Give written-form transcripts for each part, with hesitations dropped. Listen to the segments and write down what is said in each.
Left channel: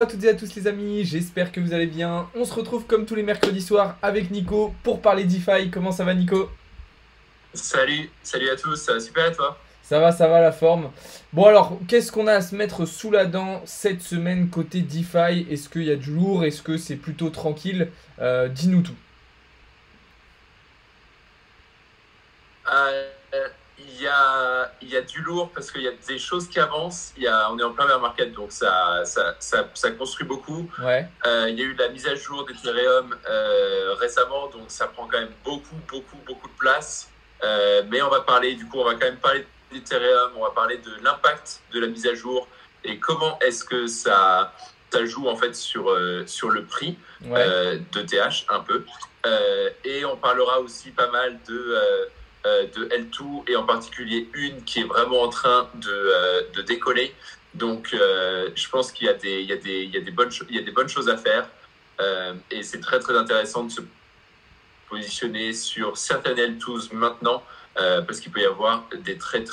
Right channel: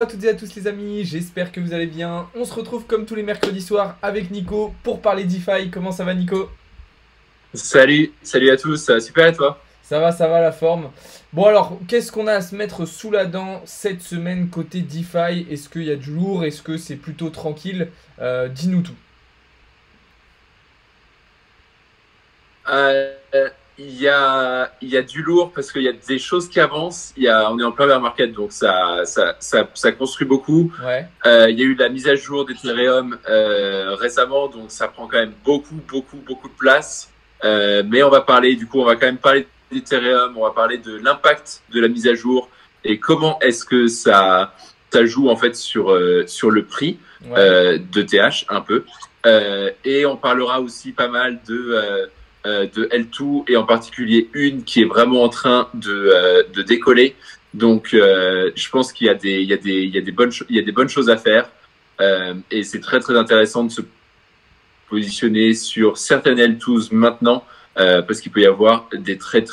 À toutes et à tous les amis, j'espère que vous allez bien. On se retrouve comme tous les mercredis soirs avec Nico pour parler DeFi. Comment ça va Nico? Salut à tous, ça va super et toi? Ça va la forme. Bon alors, qu'est-ce qu'on a à se mettre sous la dent cette semaine côté DeFi? Est-ce qu'il y a du lourd? Est-ce que c'est plutôt tranquille? Dis-nous tout. Euh, il y a du lourd parce qu'il y a des choses qui avancent. On est en plein bear market, donc ça construit beaucoup. Ouais, Il y a eu la mise à jour d'Ethereum récemment, donc ça prend quand même beaucoup de place. Mais on va quand même parler d'Ethereum, on va parler de l'impact de la mise à jour et comment est-ce que ça joue en fait sur le prix ouais. de TH un peu. Et on parlera aussi pas mal de L2 et en particulier une qui est vraiment en train de décoller. Donc, je pense qu'il y a il y a des bonnes choses à faire et c'est très intéressant de se positionner sur certaines L2s maintenant parce qu'il peut y avoir des très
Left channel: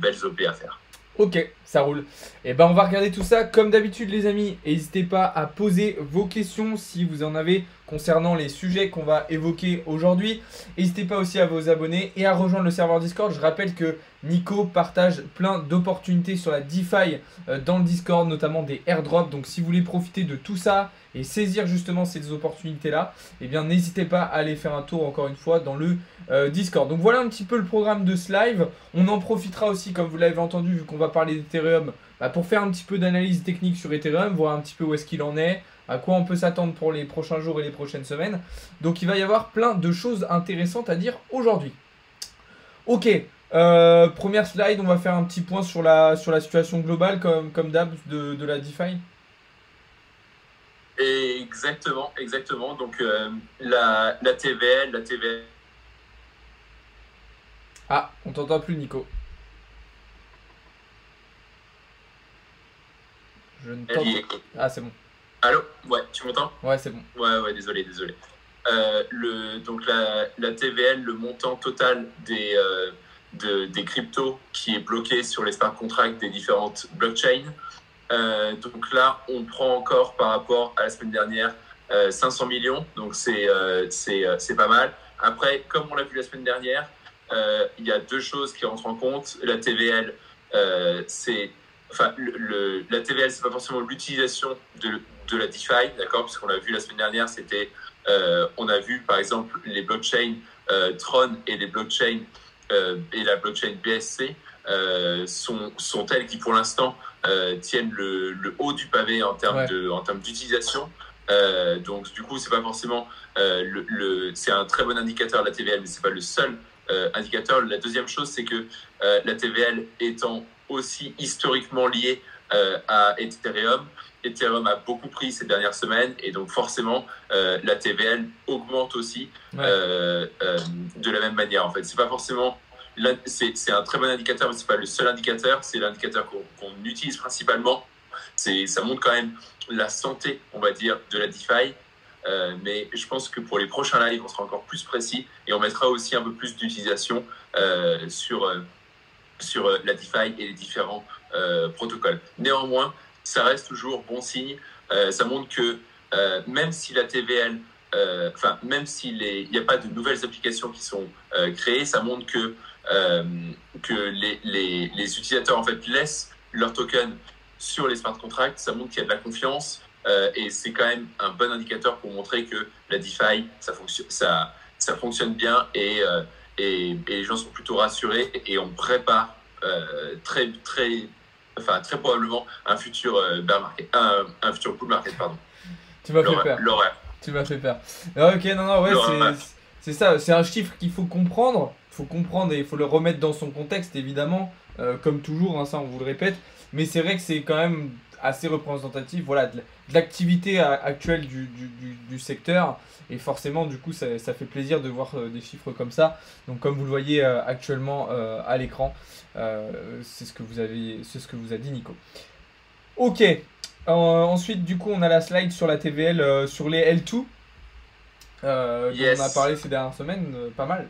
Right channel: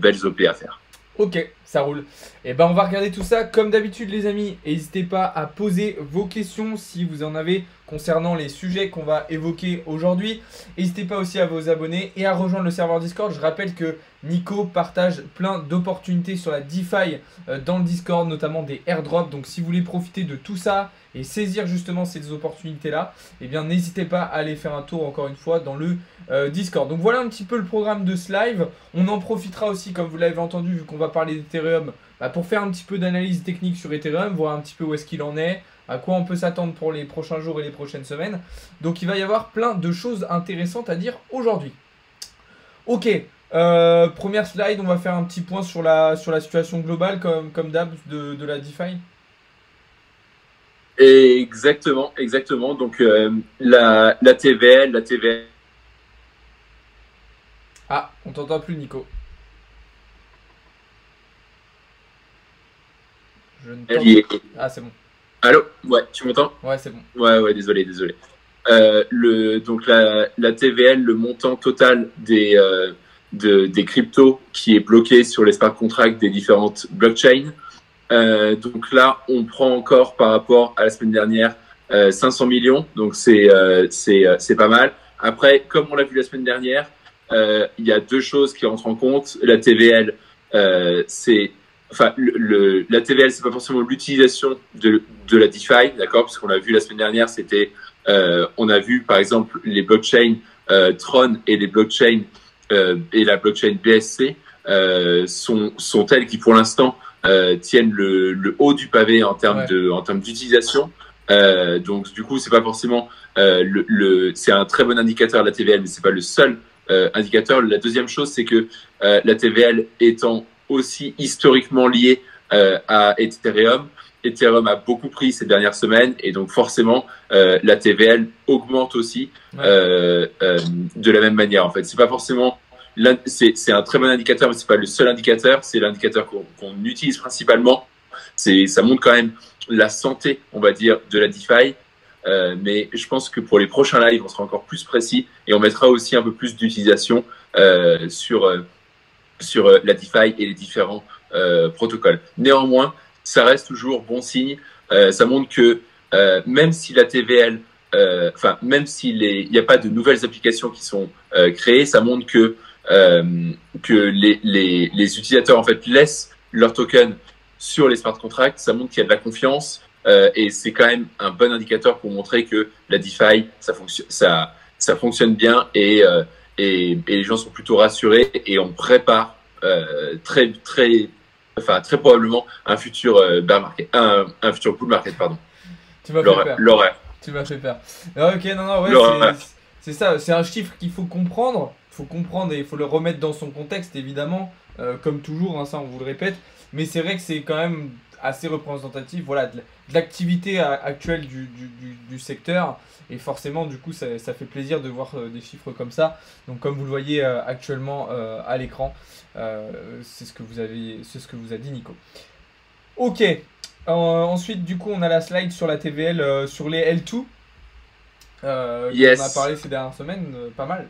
belles OP à faire. Ok, ça roule. Et ben on va regarder tout ça comme d'habitude les amis. N'hésitez pas à poser vos questions si vous en avez concernant les sujets qu'on va évoquer aujourd'hui. N'hésitez pas aussi à vous abonner et à rejoindre le serveur Discord. Je rappelle que Nico partage plein d'opportunités sur la DeFi dans le Discord, notamment des airdrops. Donc si vous voulez profiter de tout ça et saisir justement ces opportunités-là, eh bien n'hésitez pas à aller faire un tour encore une fois dans le Discord. Donc voilà un petit peu le programme de ce live. On en profitera aussi, comme vous l'avez entendu, vu qu'on va parler d'Ethereum, pour faire un petit peu d'analyse technique sur Ethereum, voir un petit peu où est-ce qu'il en est, à quoi on peut s'attendre pour les prochains jours et les prochaines semaines. Donc il va y avoir plein de choses intéressantes à dire aujourd'hui. Ok, première slide, on va faire un petit point sur la situation globale, comme d'hab, de la DeFi. Et exactement. Donc, la TVL, Ah, on t'entend plus Nico. Je ne elle t'entends... y est. Ah c'est bon. Allô? Ouais, tu m'entends? Ouais, c'est bon. Ouais, désolé. Donc la TVL, le montant total des cryptos qui est bloqué sur les smart contracts des différentes blockchains. Donc là, on prend encore par rapport à la semaine dernière 500 millions, donc c'est pas mal. Après, comme on l'a vu la semaine dernière, il y a deux choses qui rentrent en compte. La TVL, c'est enfin la TVL, c'est pas forcément l'utilisation de la DeFi, d'accord? Parce qu'on l'a vu la semaine dernière, on a vu par exemple les blockchains Tron et les blockchains et la blockchain BSC sont telles qui pour l'instant tiennent le haut du pavé Ouais. en termes d'utilisation. Donc du coup, c'est pas forcément c'est un très bon indicateur la TVL, mais c'est pas le seul indicateur. La deuxième chose, c'est que la TVL étant aussi historiquement liée à Ethereum, Ethereum a beaucoup pris ces dernières semaines et donc forcément la TVL augmente aussi Ouais. de la même manière. En fait, c'est pas forcément c'est un très bon indicateur, mais c'est pas le seul indicateur. C'est l'indicateur qu'on utilise principalement. Ça montre quand même la santé, on va dire, de la DeFi. Mais je pense que pour les prochains lives, on sera encore plus précis et on mettra aussi un peu plus d'utilisation sur la DeFi et les différents protocoles. Néanmoins, ça reste toujours bon signe. Ça montre que même si la TVL, même s'il n'y a pas de nouvelles applications qui sont créées, ça montre euh, que les utilisateurs en fait laissent leur token sur les smart contracts. Ça montre qu'il y a de la confiance et c'est quand même un bon indicateur pour montrer que la DeFi, ça fonctionne bien et les gens sont plutôt rassurés et on prépare très probablement un futur bear market, un futur bull market, pardon. Tu m'as fait peur. L'horaire. Tu m'as fait peur. Ah, ok, non, ouais, L'horaire. c'est ça. C'est un chiffre qu'il faut comprendre. Il faut comprendre et il faut le remettre dans son contexte, évidemment. Comme toujours, hein, ça, on vous le répète. Mais c'est vrai que c'est quand même assez représentatif, voilà, de l'activité actuelle du secteur. Et forcément, du coup, ça fait plaisir de voir des chiffres comme ça. Donc, comme vous le voyez actuellement à l'écran, c'est ce que vous a dit Nico. Ok. Ensuite, du coup, on a la slide sur la TVL, sur les L2, dont on a Yes. parlé ces dernières semaines, pas mal.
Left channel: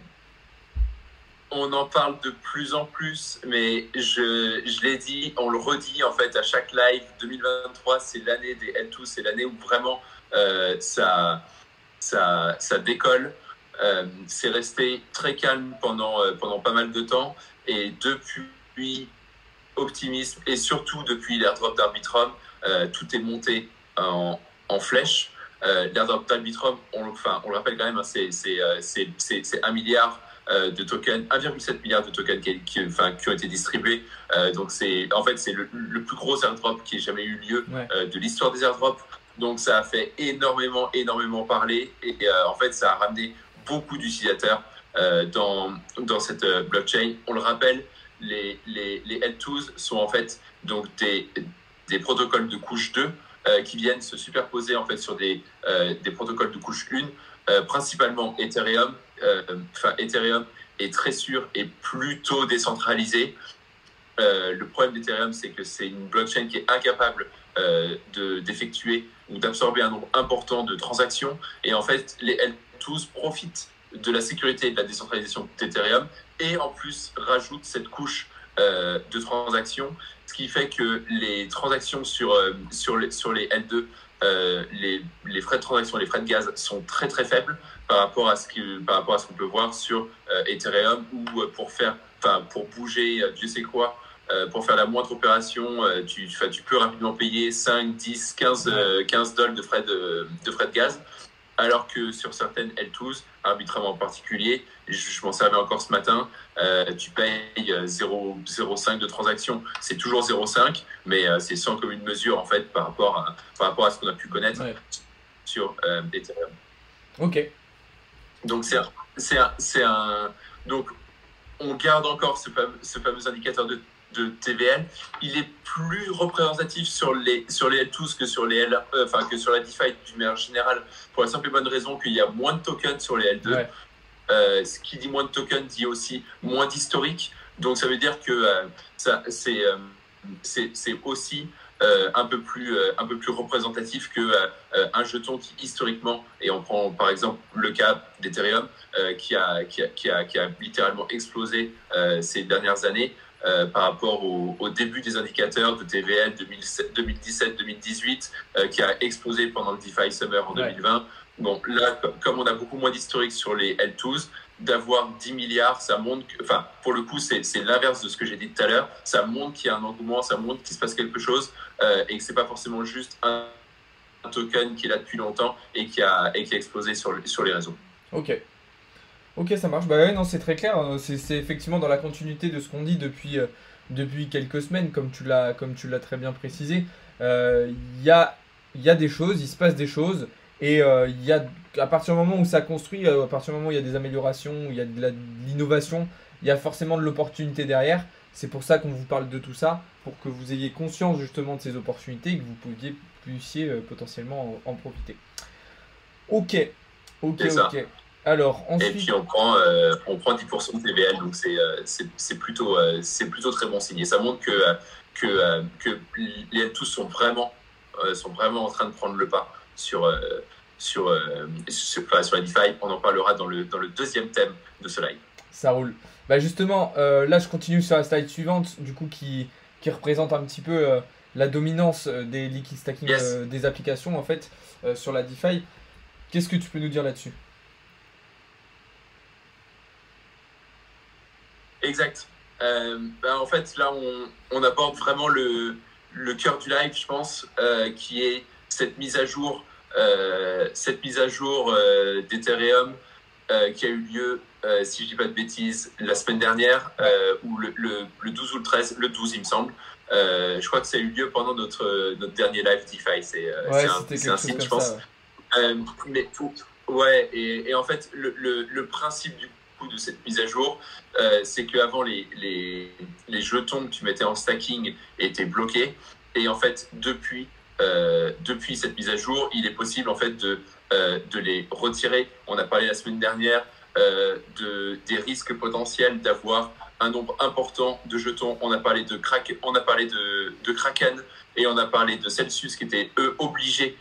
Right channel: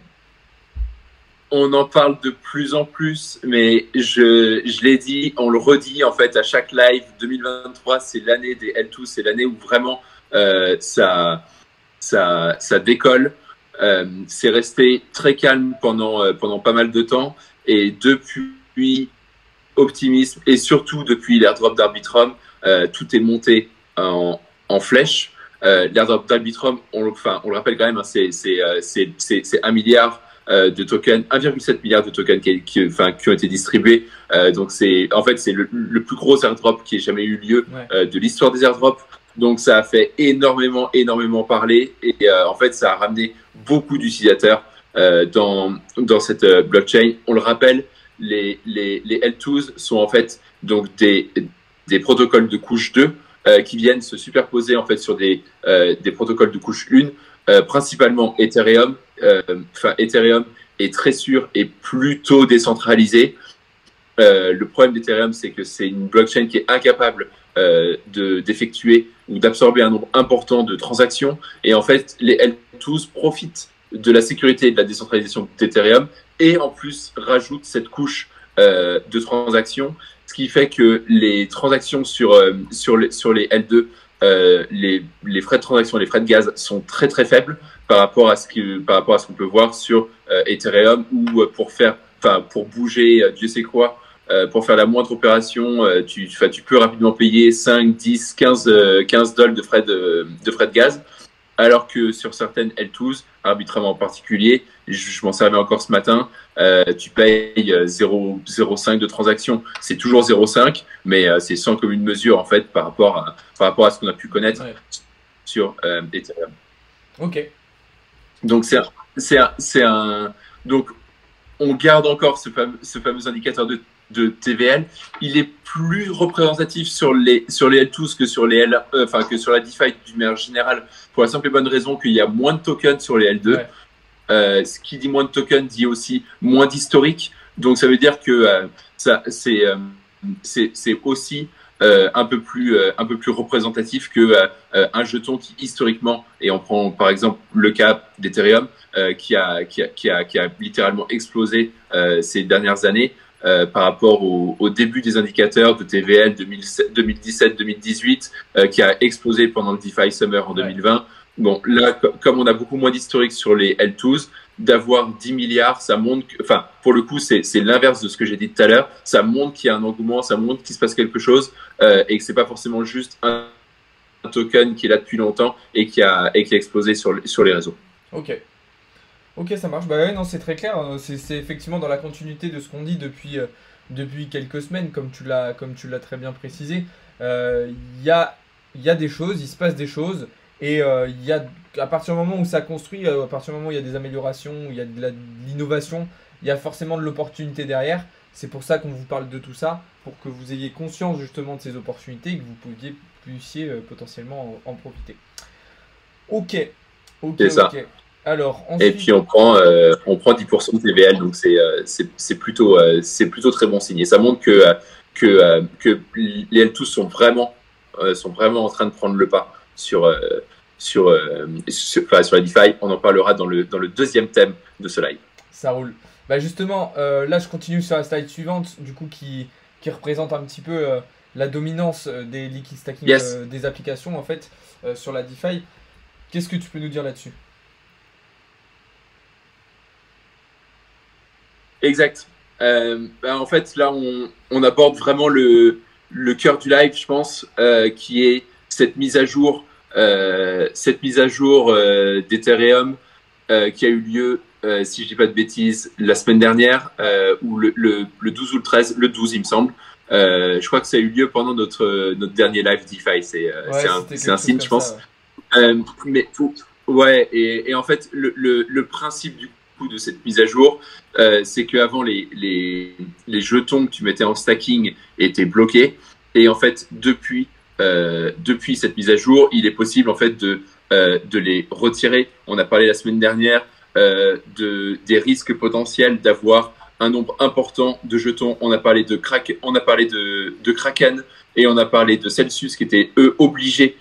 On en parle de plus en plus, mais je l'ai dit, on le redit en fait à chaque live. 2023, c'est l'année des L2, c'est l'année où vraiment ça décolle. C'est resté très calme pendant pas mal de temps. Et depuis Optimisme et surtout depuis l'airdrop d'Arbitrum, tout est monté en flèche. L'airdrop d'Arbitrum, on le rappelle quand même, hein, c'est 1 milliard de tokens, 1,7 milliard de tokens qui ont été distribués. Donc en fait, c'est le plus gros airdrop qui ait jamais eu lieu de l'histoire des airdrops. Donc ça a fait énormément parler et en fait, ça a ramené beaucoup d'utilisateurs dans cette blockchain. On le rappelle, les L2s sont en fait donc des protocoles de couche 2 qui viennent se superposer en fait sur des protocoles de couche 1, principalement Ethereum. Ethereum est très sûr et plutôt décentralisé. Le problème d'Ethereum, c'est que c'est une blockchain qui est incapable d'effectuer ou d'absorber un nombre important de transactions. Et en fait, les L2s profitent de la sécurité et de la décentralisation d'Ethereum et en plus rajoutent cette couche de transactions, ce qui fait que les transactions sur les L2, les frais de transaction, les frais de gaz sont très très faibles par rapport à ce qu'on peut voir sur Ethereum, où pour bouger Dieu sait quoi, pour faire la moindre opération, tu peux rapidement payer 5, 10, 15 dollars de frais de gaz, alors que sur certaines L2s, Arbitrum en particulier, je m'en servais encore ce matin, tu payes 0,5 de transaction. C'est toujours 0,5, mais c'est sans commune mesure en fait par rapport à ce qu'on a pu connaître sur Ethereum. Ok. Donc donc on garde encore ce fameux indicateur de TVL. Il est plus représentatif sur les L2s que sur que sur la DeFi d'une manière générale, pour la simple et bonne raison qu'il y a moins de tokens sur les L2. Ouais. Ce qui dit moins de tokens dit aussi moins d'historique. Donc ça veut dire que c'est aussi un peu plus représentatif que un jeton qui historiquement, et on prend par exemple le cas d'Ethereum qui a littéralement explosé ces dernières années par rapport au début des indicateurs de TVL 2017-2018 qui a explosé pendant le DeFi Summer en 2020. Bon, là, comme on a beaucoup moins d'historique sur les L2s, d'avoir 10 milliards, ça montre pour le coup, c'est l'inverse de ce que j'ai dit tout à l'heure. Ça montre qu'il y a un engouement, ça montre qu'il se passe quelque chose et que c'est pas forcément juste un token qui est là depuis longtemps et qui a explosé sur les réseaux. Ok, ça marche. Bah ouais, non, c'est très clair. C'est effectivement dans la continuité de ce qu'on dit depuis quelques semaines, comme tu l'as très bien précisé. Il y a des choses, il se passe des choses. Et à partir du moment où ça construit, à partir du moment où il y a des améliorations, où il y a de l'innovation, il y a forcément de l'opportunité derrière. C'est pour ça qu'on vous parle de tout ça, pour que vous ayez conscience justement de ces opportunités et que vous puissiez potentiellement en profiter. Ok. Alors, ensuite... Et puis on prend 10% de TVL, donc c'est plutôt très bon signe. Et ça montre que les L2 sont vraiment en train de prendre le pas sur la DeFi. On en parlera dans le deuxième thème de ce live. Ça roule. Bah justement, là je continue sur la slide suivante, du coup qui représente un petit peu la dominance des liquid stacking des applications en fait sur la DeFi. Qu'est-ce que tu peux nous dire là-dessus? Exact. En fait, là on aborde vraiment le cœur du live, je pense, qui est cette mise à jour d'Ethereum qui a eu lieu, si je dis pas de bêtises, la semaine dernière, ou le 12 ou le 13, le 12 il me semble. Je crois que ça a eu lieu pendant notre dernier live DeFi. C'est un signe, je pense. Et en fait, le principe du coup de cette mise à jour, c'est qu'avant les jetons que tu mettais en stacking étaient bloqués. Et en fait, depuis cette mise à jour, il est possible en fait de les retirer. On a parlé la semaine dernière des risques potentiels d'avoir un nombre important de jetons. On a parlé de Kraken et on a parlé de Celsius qui étaient eux obligés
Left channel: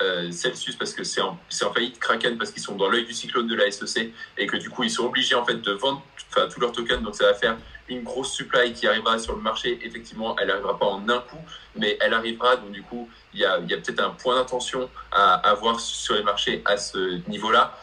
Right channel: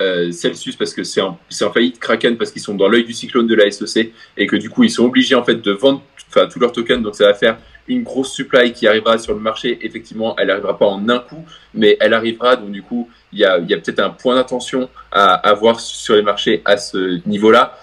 Celsius parce que c'est en faillite, Kraken parce qu'ils sont dans l'œil du cyclone de la SEC et que du coup ils sont obligés en fait de vendre tous leurs tokens, donc ça va faire une grosse supply qui arrivera sur le marché. Effectivement, elle n'arrivera pas en un coup, mais elle arrivera, donc du coup il y a peut-être un point d'attention à avoir sur les marchés à ce niveau-là.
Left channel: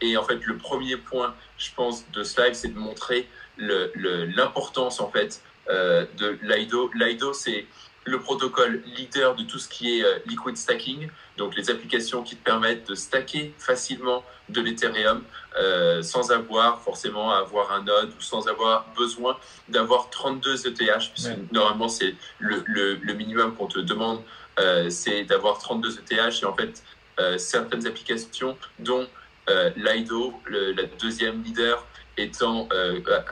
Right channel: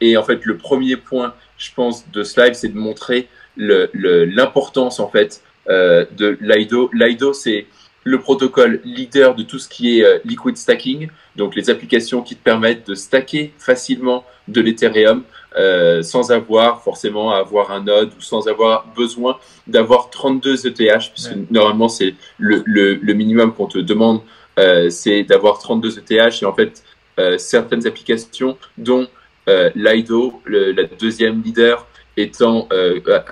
Et en fait le premier point, je pense, de ce live, c'est de montrer l'importance en fait de Lido. Lido, c'est le protocole leader de tout ce qui est liquid stacking, donc les applications qui te permettent de stacker facilement de l'Ethereum sans avoir forcément à avoir un node ou sans avoir besoin d'avoir 32 ETH, puisque normalement c'est le minimum qu'on te demande, c'est d'avoir 32 ETH. Et en fait, certaines applications, dont Lido, la deuxième leader, étant,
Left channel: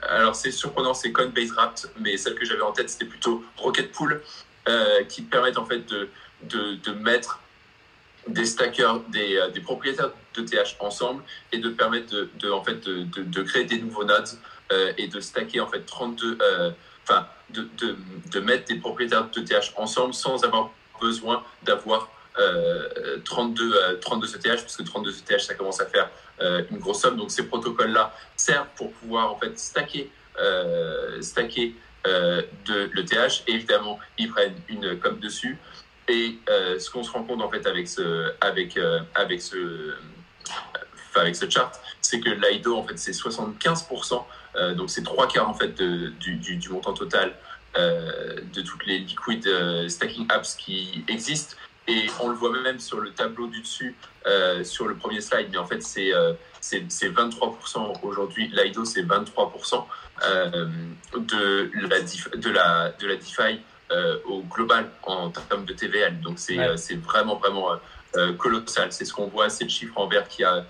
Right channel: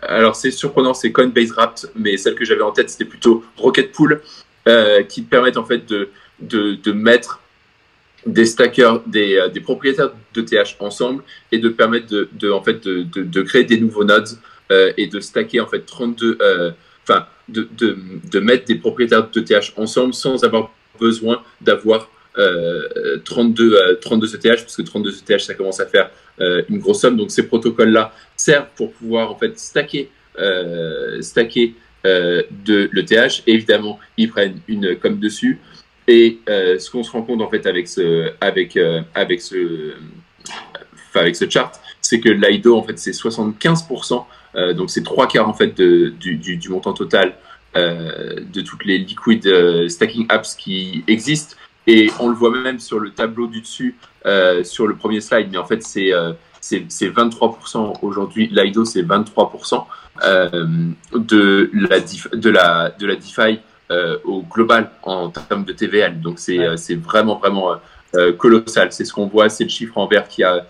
alors c'est surprenant, c'est Coinbase Wrapped, mais celle que j'avais en tête, c'était plutôt Rocket Pool, qui permettent en fait de mettre des stackers, des propriétaires d'ETH ensemble et de permettre de créer des nouveaux nodes et de stacker en fait 32, de mettre des propriétaires d'ETH ensemble sans avoir besoin d'avoir 32 ETH, parce que 32 ETH ça commence à faire une grosse somme. Donc ces protocoles-là servent pour pouvoir en fait stacker de l'ETH. Évidemment, ils prennent une com dessus. Et ce qu'on se rend compte en fait avec ce chart, c'est que Lido en fait c'est 75%, donc c'est 3/4 en fait du montant total de toutes les liquid stacking apps qui existent. Et on le voit même sur le tableau du dessus, sur le premier slide, mais en fait c'est 23% aujourd'hui. Lido c'est 23% de la DeFi au global en termes de TVL. Donc c'est vraiment colossal. C'est ce qu'on voit, c'est le chiffre en vert qu'il y a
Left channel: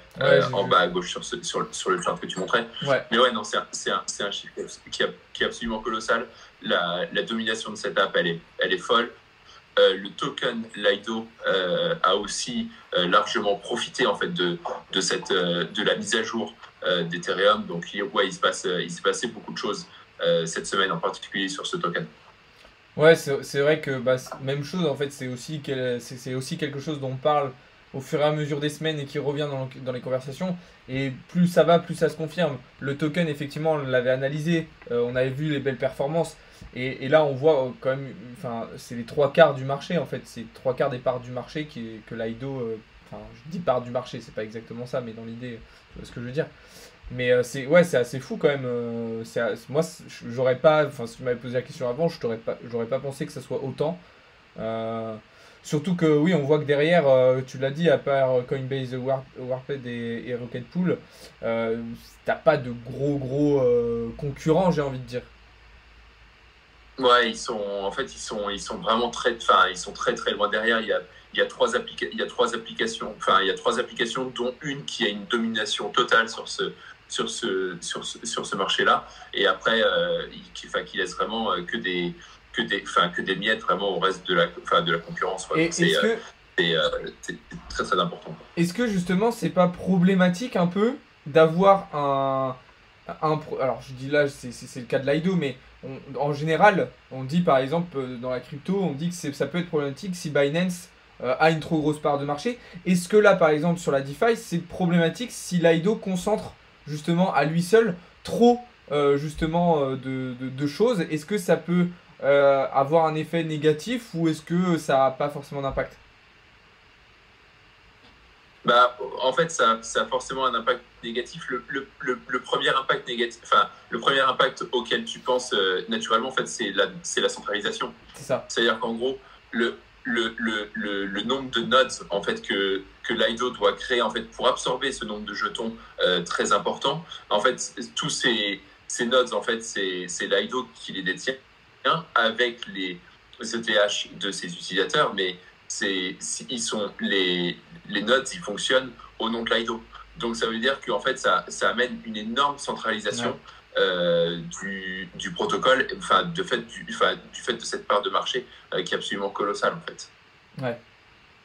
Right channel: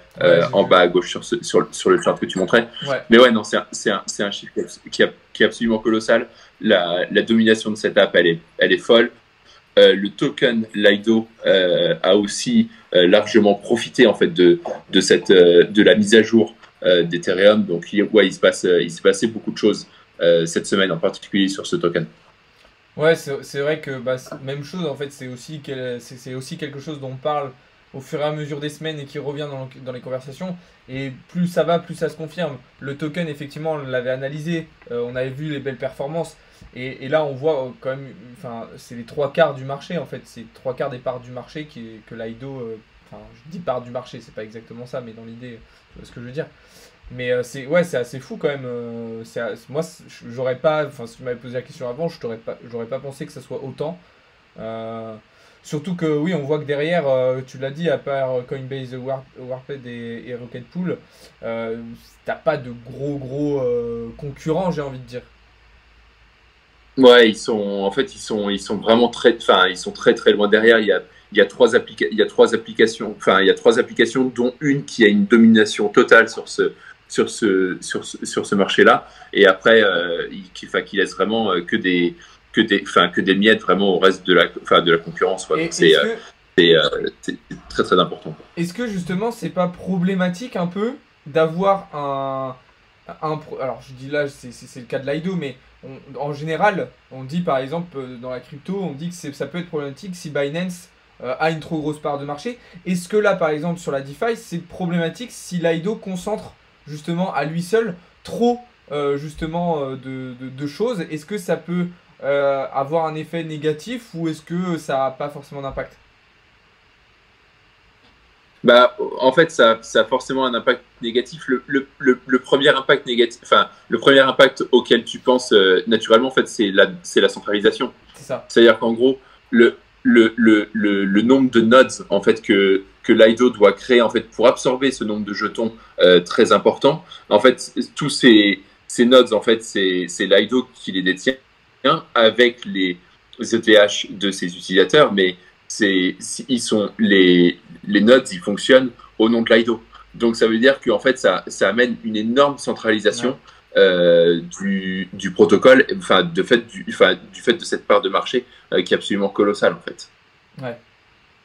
en bas à gauche sur le chart que tu montrais. Mais ouais, non, c'est un chiffre qui est absolument colossal. La domination de cette app, elle est folle. Le token Lido a aussi largement profité en fait de la mise à jour d'Ethereum. Donc il s'est passé beaucoup de choses cette semaine, en particulier sur ce token. Ouais, c'est vrai que même chose, en fait, c'est aussi quelque chose dont on parle au fur et à mesure des semaines et qui revient dans les conversations. Et plus ça va, plus ça se confirme. Le token, effectivement, on l'avait analysé, on avait vu les belles performances. Et là, on voit quand même, enfin, c'est les 3/4 du marché, en fait. C'est 3/4 des parts du marché que Lido, enfin, je dis parts du marché, c'est pas exactement ça, mais dans l'idée, tu vois ce que je veux dire. Mais c'est assez fou quand même. Moi, j'aurais pas. Enfin, si tu m'avais posé la question avant, j'aurais pas pensé que ça soit autant. Euh, Surtout que oui, on voit que derrière, tu l'as dit, à part Coinbase, Warped et Rocket Pool, t'as pas de gros concurrents, j'ai envie de dire. Ouais, ils sont vraiment ils sont très loin derrière. Il y a trois applications, il y a trois applications, dont une qui a une domination totale sur ce marché-là. Et après, qui laisse vraiment que des miettes vraiment au reste de la concurrence, quoi. Et Donc c'est très important. Est-ce que justement, c'est pas problématique un peu d'avoir alors je dis là, c'est le cas de Lido, mais en général, on dit par exemple dans la crypto, on dit que ça peut être problématique si Binance a une trop grosse part de marché. Est-ce que là, par exemple, sur la DeFi, c'est problématique si Lido concentre justement à lui seul trop de choses? Est-ce que ça peut avoir un effet négatif ou est-ce que ça n'a pas forcément d'impact? Bah, en fait, ça a forcément un impact négatif. Le premier impact négatif, le premier impact auquel tu penses naturellement, en fait, c'est la centralisation. C'est ça. C'est-à-dire qu'en gros, le nombre de nodes en fait que Lido doit créer en fait pour absorber ce nombre de jetons très important. En fait, tous ces nodes, en fait, c'est Lido qui les détient avec les ETH de ses utilisateurs, mais les nodes, ils fonctionnent au nom de Lido. Donc ça veut dire qu'en fait, ça amène une énorme centralisation du protocole, du fait de cette part de marché qui est absolument colossale, en fait. Ouais.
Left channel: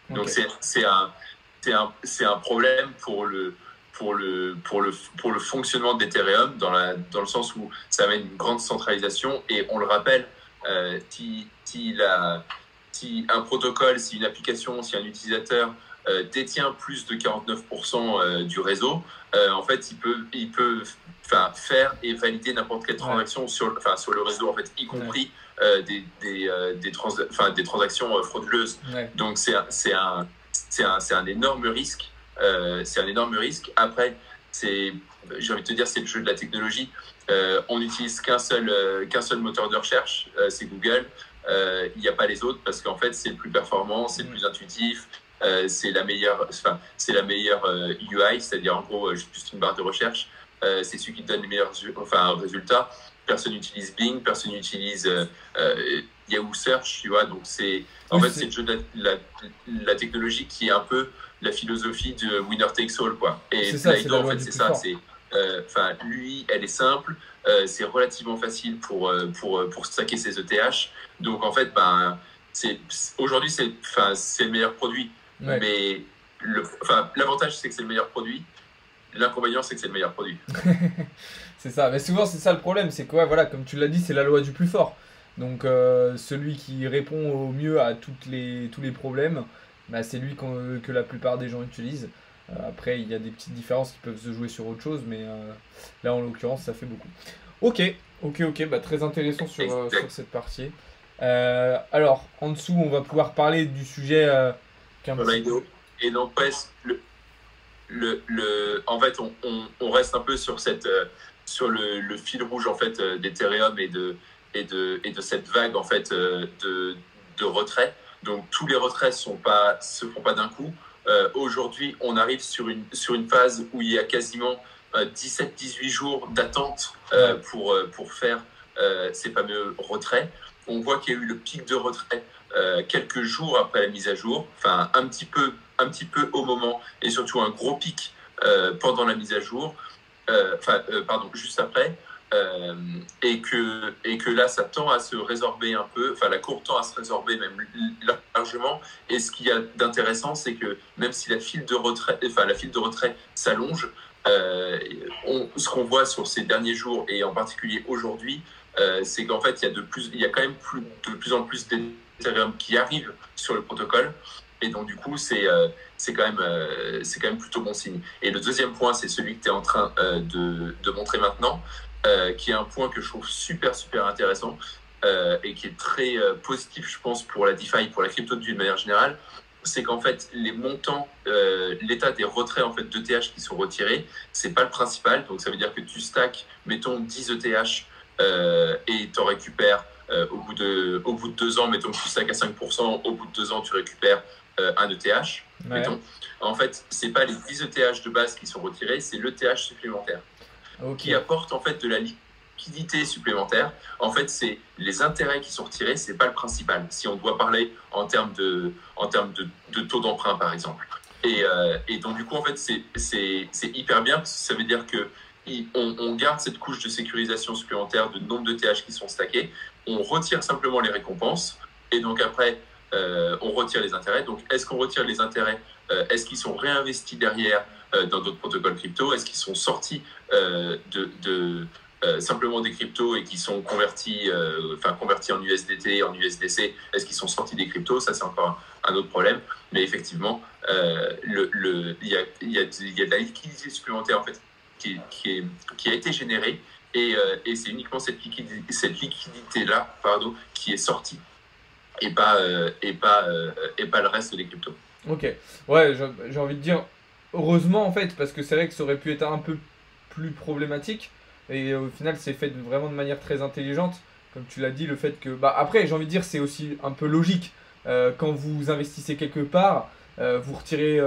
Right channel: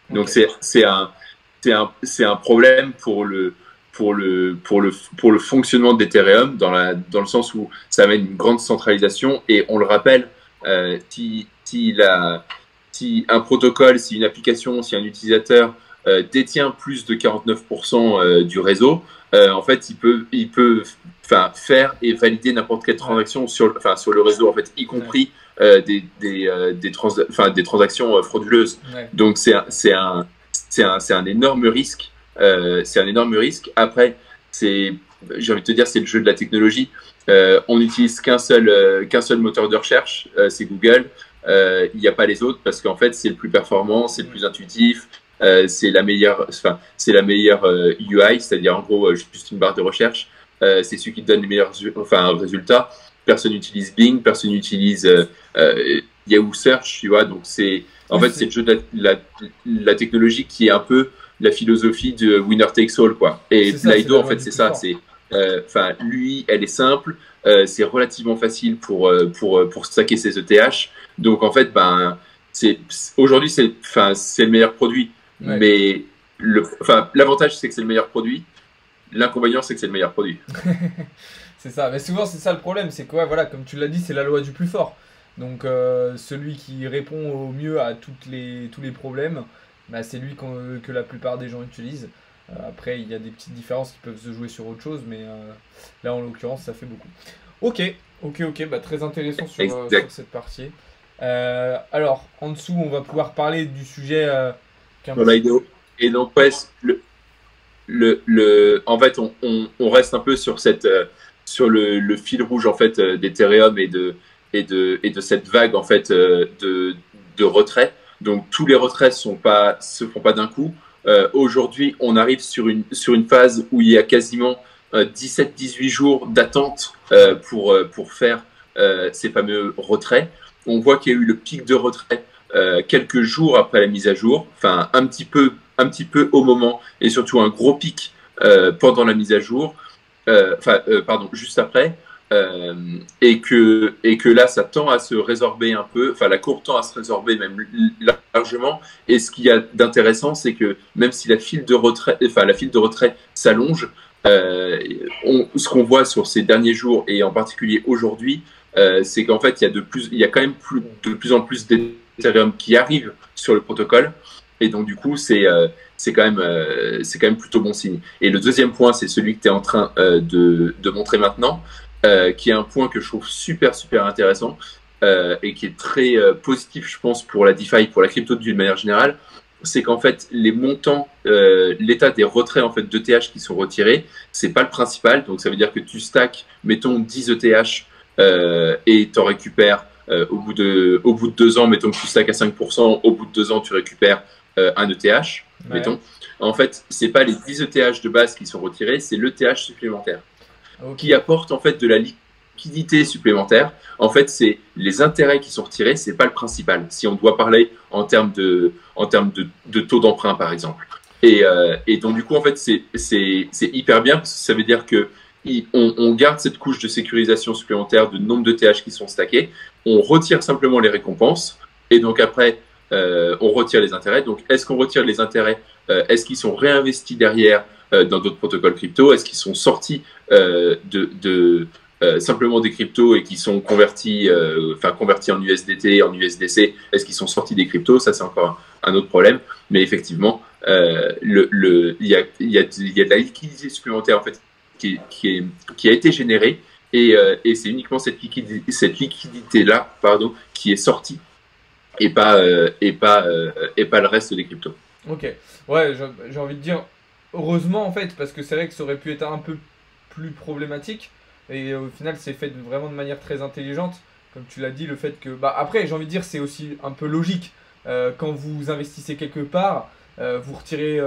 Okay. Donc c'est un problème pour le fonctionnement d'Ethereum dans le sens où ça amène une grande centralisation. Et on le rappelle, si si un protocole, si une application, si un utilisateur détient plus de 49% du réseau, en fait, il peut faire et valider n'importe quelle transaction sur le réseau, en fait, y compris des transactions frauduleuses. Ouais. Donc, c'est un énorme risque. C'est un énorme risque. Après, j'ai envie de te dire, c'est le jeu de la technologie. On n'utilise qu'un seul moteur de recherche, c'est Google. Il n'y a pas les autres parce qu'en fait, c'est le plus performant, c'est le plus intuitif. C'est la meilleure UI, c'est-à-dire en gros juste une barre de recherche. C'est celui qui te donne les meilleurs résultats. Personne n'utilise Bing, personne n'utilise Yahoo Search, tu vois. Donc c'est le jeu de la technologie qui est un peu la philosophie de winner takes all, quoi. Et Lido, en fait, c'est ça. Lui, elle est simple. C'est relativement facile pour stacker ses ETH. Donc en fait, aujourd'hui c'est le meilleur produit. Ouais. Mais l'avantage, c'est que c'est le meilleur produit. L'inconvénient, c'est que c'est le meilleur produit. C'est ça. Mais souvent, c'est ça le problème. C'est que, ouais, voilà, comme tu l'as dit, c'est la loi du plus fort. Donc, celui qui répond au mieux à tous les problèmes, c'est lui que la plupart des gens utilisent. Après, il y a des petites différences qui peuvent se jouer sur autre chose, mais là, en l'occurrence, ça fait beaucoup. Ok. Très intéressant sur cette partie. Alors, en dessous, on va pouvoir parler du sujet et n'empêche, en fait, on reste un peu sur le fil rouge en fait d'Ethereum et de cette vague en fait de retrait. Donc tous les retraits se font pas d'un coup. Aujourd'hui, on arrive sur une phase où il y a quasiment 17-18 jours d'attente pour faire ces fameux retraits. On voit qu'il y a eu le pic de retrait quelques jours après la mise à jour, un petit peu au moment, et surtout un gros pic pendant la mise à jour, juste après, et que là ça tend à se résorber un peu, la courbe tend à se résorber même largement. Et ce qu'il y a d'intéressant, c'est que même si la file de retrait s'allonge, ce qu'on voit sur ces derniers jours et en particulier aujourd'hui, c'est qu'en fait il y a quand même de plus en plus d'Ethereum qui arrivent sur le protocole. Et donc, du coup, c'est quand même plutôt bon signe. Et le deuxième point, c'est celui que tu es en train de montrer maintenant, qui est un point que je trouve super, super intéressant et qui est très positif, je pense, pour la DeFi, pour la crypto d'une manière générale. C'est qu'en fait, les montants, l'état des retraits en fait, d'ETH qui sont retirés, c'est pas le principal. Donc, ça veut dire que tu stacks, mettons, 10 ETH et tu en récupères au bout de 2 ans, mettons que tu stacks à 5%, au bout de 2 ans, tu récupères un ETH, mettons. En fait, c'est pas les 10 ETH de base qui sont retirés, c'est l'ETH supplémentaire qui apporte en fait de la liquidité supplémentaire. En fait, c'est les intérêts qui sont retirés, c'est pas le principal. Si on doit parler en termes de taux d'emprunt, par exemple. Et donc, du coup, en fait, c'est hyper bien parce que ça veut dire que on garde cette couche de sécurisation supplémentaire de nombre de TH qui sont stackés. On retire simplement les récompenses. Et donc, après, on retire les intérêts. Donc, est-ce qu'on retire les intérêts? Est-ce qu'ils sont réinvestis derrière dans d'autres protocoles crypto? Est-ce qu'ils sont sortis simplement des cryptos et qui sont convertis en USDT, en USDC? Est-ce qu'ils sont sortis des cryptos? Ça, c'est encore un autre problème. Mais effectivement, il y a de la liquidité supplémentaire en fait, qui a été générée. Et c'est uniquement cette liquidité-là qui est sortie. Et pas le reste des cryptos. Ok, ouais, j'ai envie de dire heureusement en fait, parce que c'est vrai que ça aurait pu être un peu plus problématique, et au final c'est fait vraiment de manière très intelligente, comme tu l'as dit, le fait que... après, j'ai envie de dire, c'est aussi un peu logique, quand vous investissez quelque part, vous retirez...